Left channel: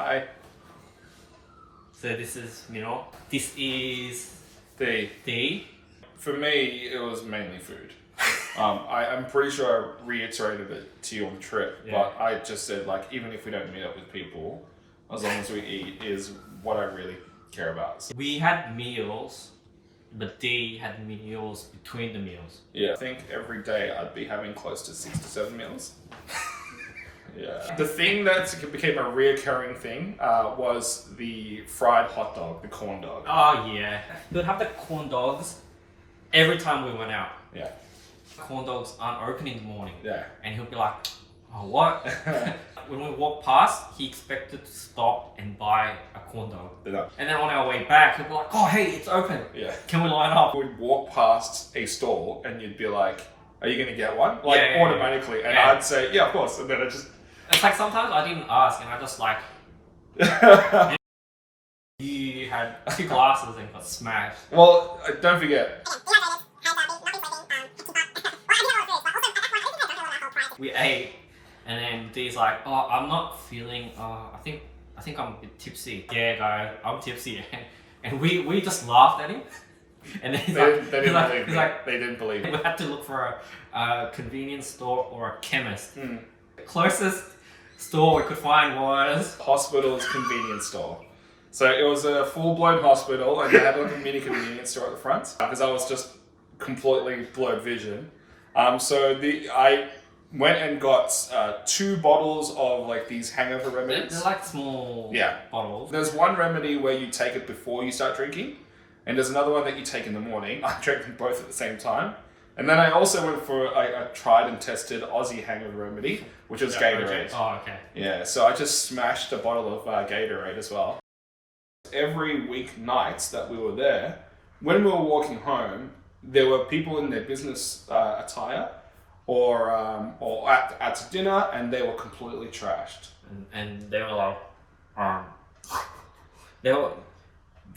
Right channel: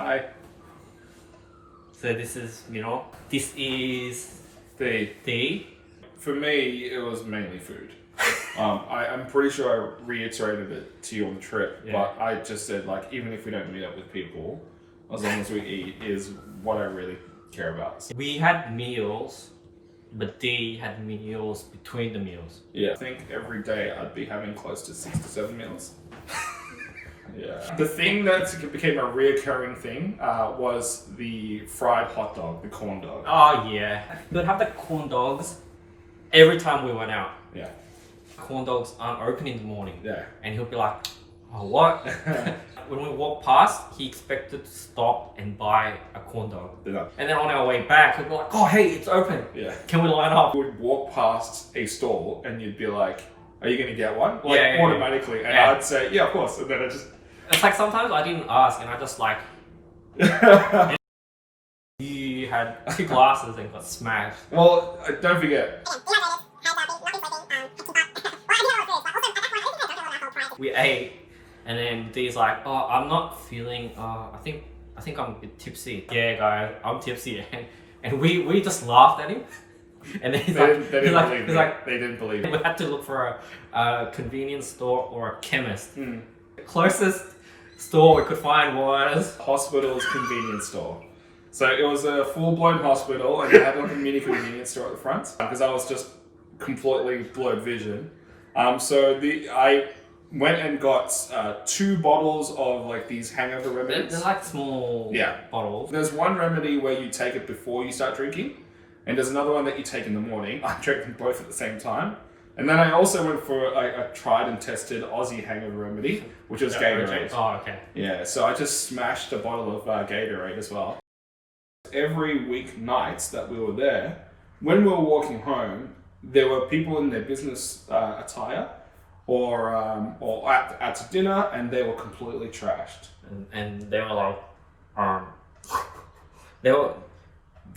Hi. So this is, this is The the... For me, it was mainly food. I'm pretty sure I reiterated it to you on the trip, Yeah. but I just said, like, even if we don't meet up with people, as long as we eat is what I really care about. So, We had meals, but they had meals between the meals. yeah, I think every day I'd be having close to 6 to 7 meals. Yeah. The thing that became a reoccurring thing was the fried hot dog, the corn dog. Oh yeah. We'd have the corn dogs every time we went out. Yeah. Corn dogs aren't open in the morning. Yeah. And he'll be like, oh, what? When we walked past, he expected to stop and buy a corn dog. Yeah. And then on our way back, he'll be like, oh, hey, it's open. Yeah. Can we line up? We'd walk past a stall and you'd be like, are you going to get one? Like, Yeah. automatically. And Yeah. I'd say, yeah, of course. And then I just... It's like sometimes I didn't ask and I just like... You had 2 glasses and got smashed. Well, don't forget. We ate, and then Dee's like, "Oh, I'm not feeling. I think I'm a bit tipsy." Yeah, guys, I'm tipsy, and we just laughed at him. And then They didn't believe me. like, They didn't believe me. we had to look for a convenience store or a chemist. The closest store we could find was Hospital's convenience store. So it was a full-blown hospital, and they had like a mini convenience store at the front because I was just completely blurred vision. I went and got 2 bottles of like these hangover remedies. they're like small bottles. There's one remedy where you take it before you start drinking, and there's another one that you take in the morning. I drank them both at the same time. And then I also went for a tried and tested Aussie hangover remedy, which was Gatorade. Oh, okay. Yeah, so I just smashed a bottle of Gatorade as well. Every weeknight that we were there, when we were walking home, there were people in their business attire or at dinner, and they were completely trashed. And they were like, they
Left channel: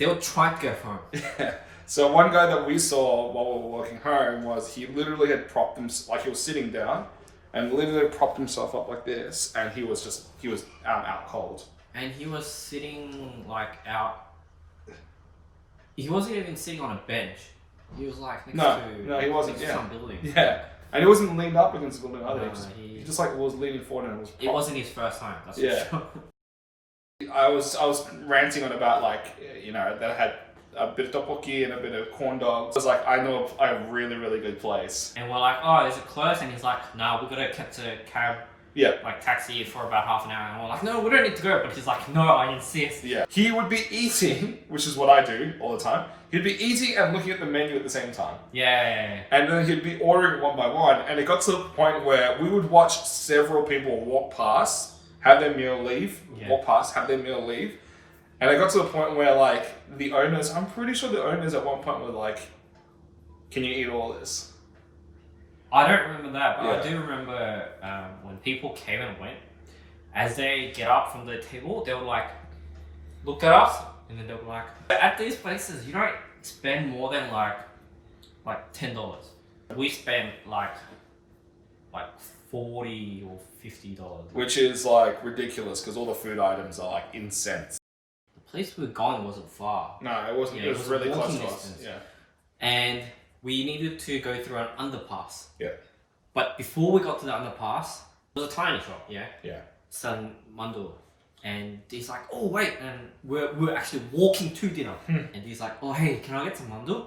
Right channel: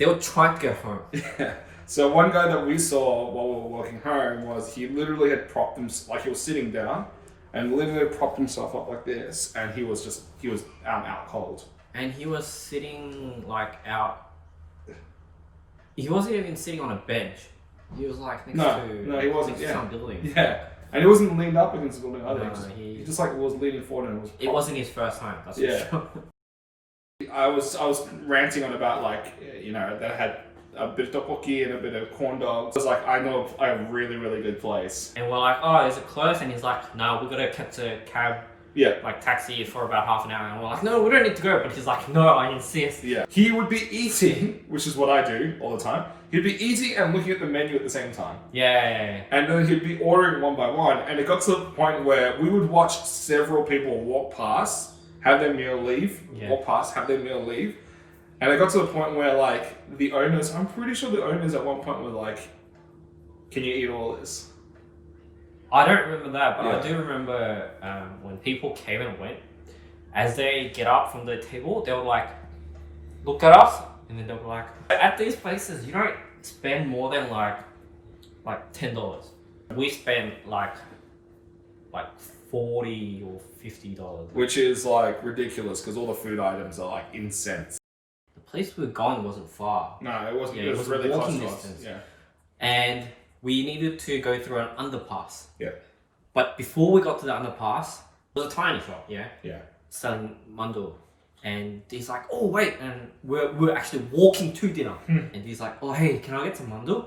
were trying to go home. Yeah. So one guy that we saw while we were walking home was he literally had propped himself, like he was sitting down, and literally propped himself up like this, and he was out cold. And he was sitting like out. He wasn't even sitting on a bench. He was like next No, he wasn't. to some building. Yeah, and he wasn't leaned up against the building either. No, he just like was leaning forward and It wasn't his first time. That's for sure. I was ranting on about that I had a bit of tteokbokki and a bit of corn dogs. I was like, I know a really, really good place. And we're like, oh, is it close? And he's like, no, we gotta catch a cab. Yeah. Like taxi for about half an hour. And we're like, no, we don't need to go. But he's like, no, I insist. Yeah. He would be eating, which is what I do all the time. He'd be eating and looking at the menu at the same time. Yeah. And then he'd be ordering one by one. And it got to the point where we would watch several people walk past, have their meal leave, walk past, have their meal leave. And it got to the point where like the owners, I'm pretty sure the owners at one point were like, can you eat all this? I don't remember that, but Yeah. I do remember when people came and went, as they get up from the table, they would like look at us, and then they were like, at these places, you don't spend more than like $10. We spend like $40 or $50. Which is like ridiculous because all the food items are like in cents. The place we were going wasn't far. No, it wasn't. Yeah, it was really close walking to us. distance. Yeah. And we needed to go through an underpass. Yeah. But before we got to the underpass, there was a tiny shop, Yeah. selling mandu. And he's like, oh wait, and we're actually walking to dinner. And he's like, oh hey, can I get some mandu?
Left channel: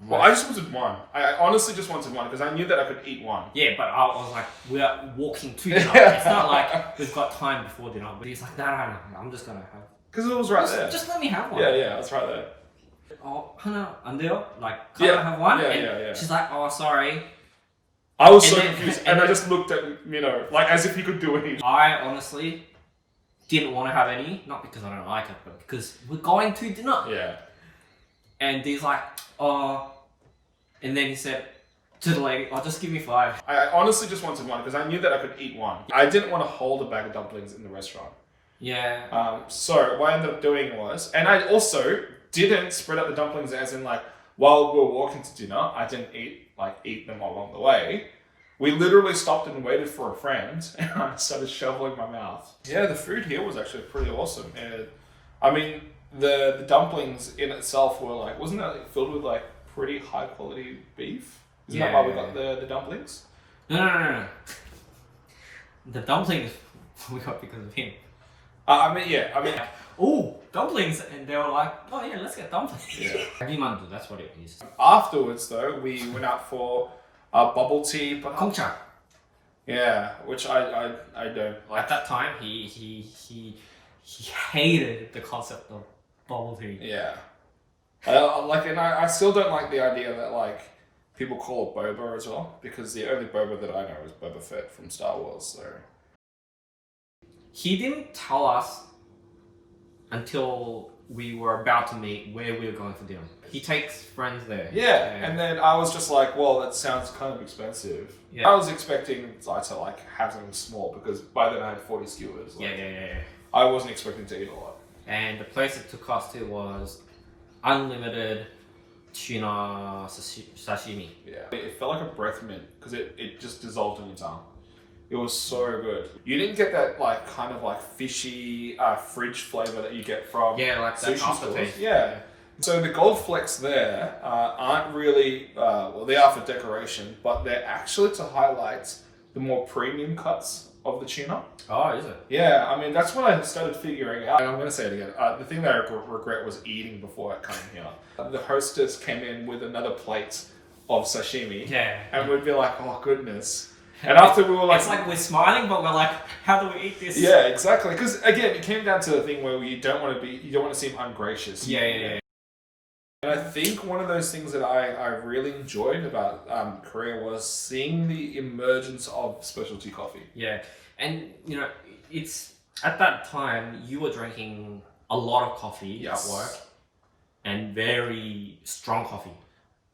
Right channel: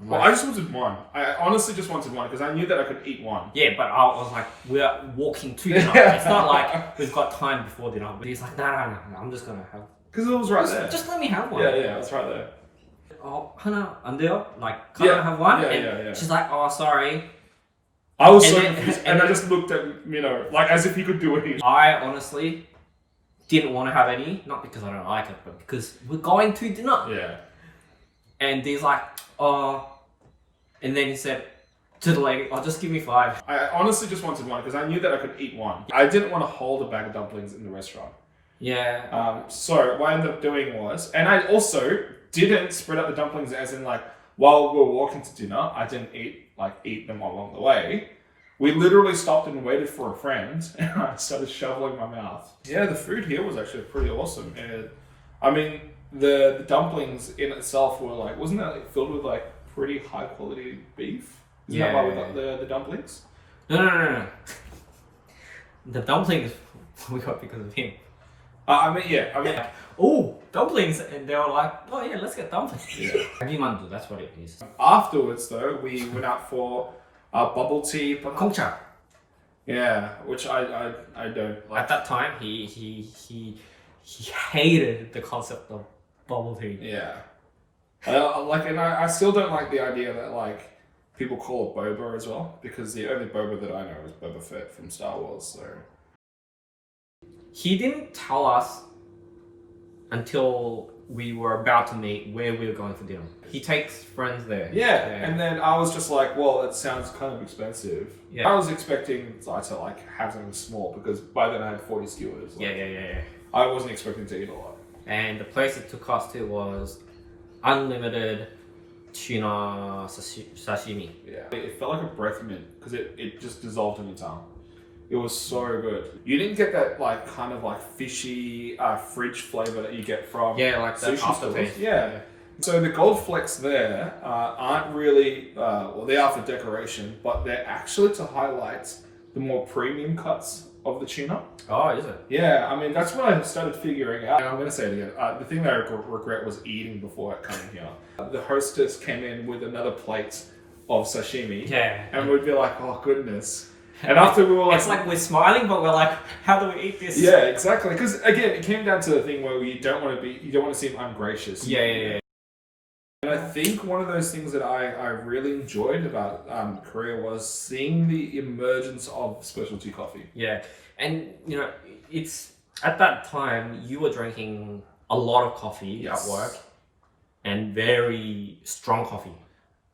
I'm Well, like, I just wanted one. I honestly just wanted one because I knew that I could eat one. yeah, but I was like, we're walking to dinner. It's not like we've got time before dinner. But he's like, no, I'm just gonna have. Because it was right there. Just let me have one. Yeah, it's right there. Oh, Hana, 안 돼요? Like, can I have one? Yeah, and yeah. she's like, oh, sorry. I was so And then- confused, and and I then- just looked at like as if he could do it. I honestly didn't want to have any, not because I don't like it, but because we're going to dinner. Yeah. And he's like, oh, and then he said to the lady, oh, just give me 5. I honestly just wanted one because I knew that I could eat one. I didn't want to hold a bag of dumplings in the restaurant. Yeah. So what I ended up doing was, and I also didn't spread out the dumplings as in like while we were walking to dinner. I didn't eat them along the way. We literally stopped and waited for a friend, and I started shoveling my mouth. Yeah, the food here was actually pretty awesome. And I mean, the dumplings in itself were like, wasn't that like filled with like pretty high quality beef? Isn't that why we got the dumplings? No. The dumplings we got because of him. I mean, oh, dumplings, and they were like, oh yeah, let's get dumplings. Yeah. Hagimandu, that's what it is. Afterwards, though, we went out for bubble tea. Gongcha. Yeah, which I don't like. At that time, he hated the concept of bubble tea. Yeah. I still don't like the idea that like people call it boba as well, because the only boba that I know is Boba Fett from Star Wars. So he didn't tell us until we were about to meet where we were going for dinner. He takes friends there. yeah, and then I was just like, well, that sounds kind of expensive. Yeah. I was expecting to like have something small because by then I had 40 skewers. Like, Yeah. I wasn't expecting to eat a lot. And the place it took us to was unlimited tuna sashimi. Yeah, it felt like a breath mint because it just dissolved in your tongue. It was so good. You didn't get that like kind of like fishy fridge flavor that you get from like the sushi aftertaste. stores. Yeah. So the gold flecks there aren't really well, they are for decoration, but they're actually to highlight the more premium cuts of the tuna. Oh, is it? Yeah, I mean that's what I started figuring out. And I'm going to say it again. The thing that I regret was eating before coming here. The hostess came in with another plate of sashimi. Yeah. And we'd be like, oh goodness. And after we were like... It's like we're smiling, but we're like, how do we eat this? Yeah, exactly. Because again, it came down to the thing where you don't want to seem ungracious. Yeah. And I think one of those things that I really enjoyed about Korea was seeing the emergence of specialty coffee. Yeah. And, you know, it's... At that time, you were drinking a lot of coffee at work. And very strong coffee.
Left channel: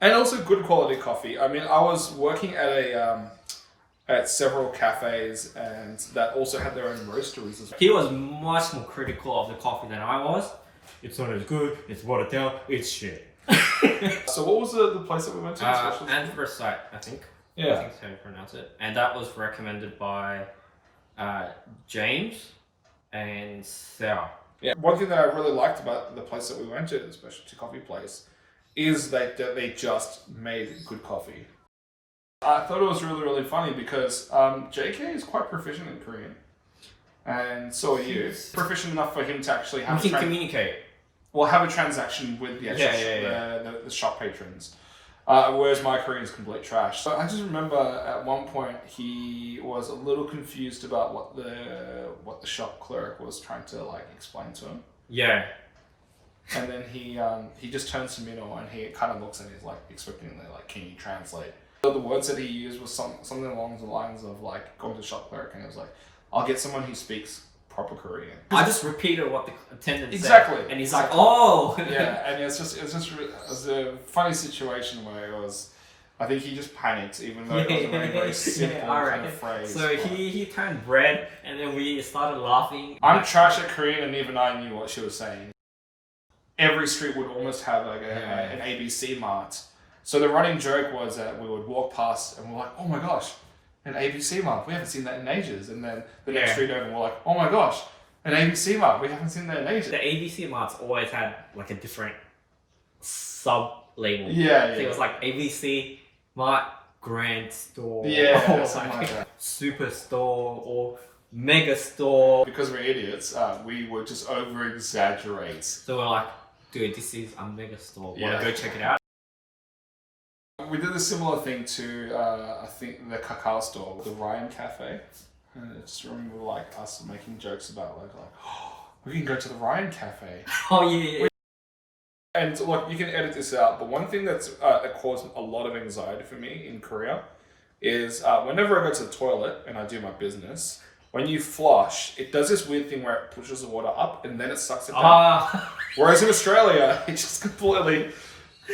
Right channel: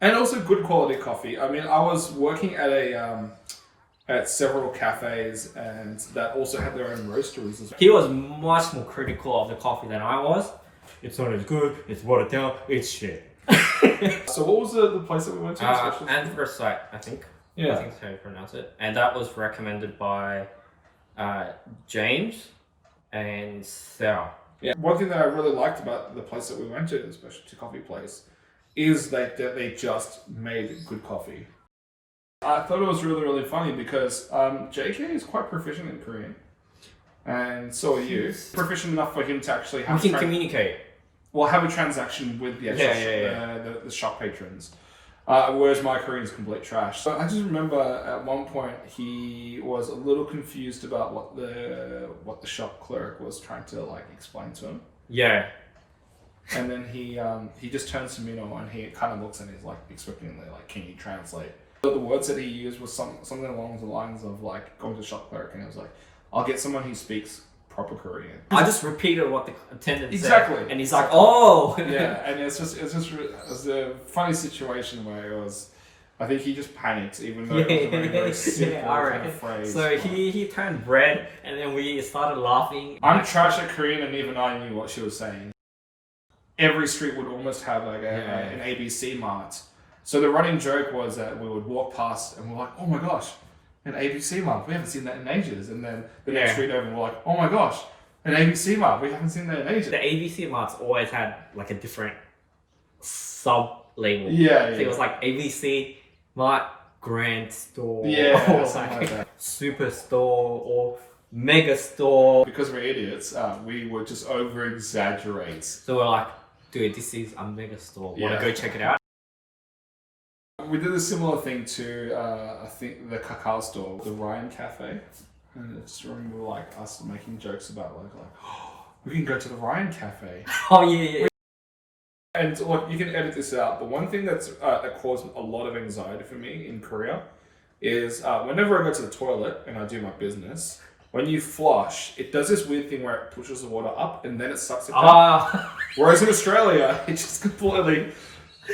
And also good quality coffee. I mean, I was working at several cafes and that also had their own roasteries as well. He was much more critical of the coffee than I was. It's not as good, it's watered down, it's shit. So what was the place that we went to? Anthracite, I think. Yeah. I think that's how you pronounce it. And that was recommended by James and Sarah. Yeah. One thing that I really liked about the place that we went to, the specialty coffee place, is that they just made good coffee. I thought it was really, really funny because JK is quite proficient in Korean. And so are you. Proficient enough for him to actually have communicate. Well, have a transaction with the actual the shop patrons. Whereas my Korean is complete trash. So I just remember at one point he was a little confused about what the shop clerk was trying to like explain to him. Yeah. And then he just turns to Minho and he kind of looks and he's like expectingly like, can you translate? The words that he used was something along the lines of like going to the shop clerk and it was like, I'll get someone who speaks proper Korean. I just repeated what the attendant said. And he's like, oh! Yeah, and it was a funny situation where it was, I think he just panicked even though it was a very simple kind of phrase. So he turned red and then we started laughing. I'm trash at Korean and even I knew what she was saying. Every street would almost have like an ABC mart. So the running joke was that we would walk past and we're like, oh my gosh, an ABC mart. We haven't seen that in ages. And then the next street over, we're like, oh my gosh, an ABC mart. We haven't seen that in ages. The ABC marts always had like a different sub-label. Yeah. So it was like ABC Mart Grand Store. Yeah, or something like that. Superstore or Mega Store. Because we're idiots, we would just over-exaggerate. So we're like, dude, this is a Mega Store. Wanna go check it out? We did a similar thing to, I think, the cacao store, the Ryan Cafe. And I just remember like us making jokes about like oh, we can go to the Ryan Cafe. Oh yeah. And look, you can edit this out, but one thing that caused a lot of anxiety for me in Korea is whenever I go to the toilet and I do my business, when you flush, it does this weird thing where it pushes the water up and then it sucks it down. Whereas in Australia, it just completely...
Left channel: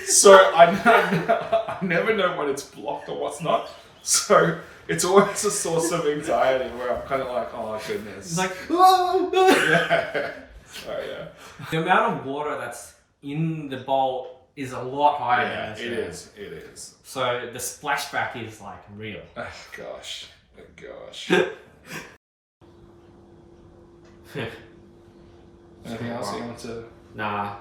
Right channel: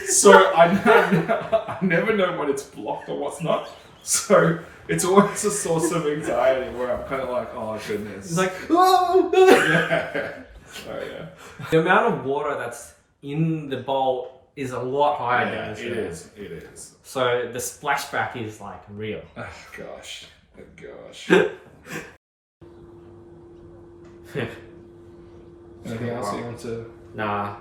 So I never know when it's blocked or what's not. So it's always a source of anxiety where I'm kind of like, oh goodness. It's like, oh! Yeah. So yeah. The amount of water that's in the bowl is a lot higher Yeah, than it Australia. is. It is. So the splashback is like real. Oh gosh. Oh gosh. Anything else you want to? Nah,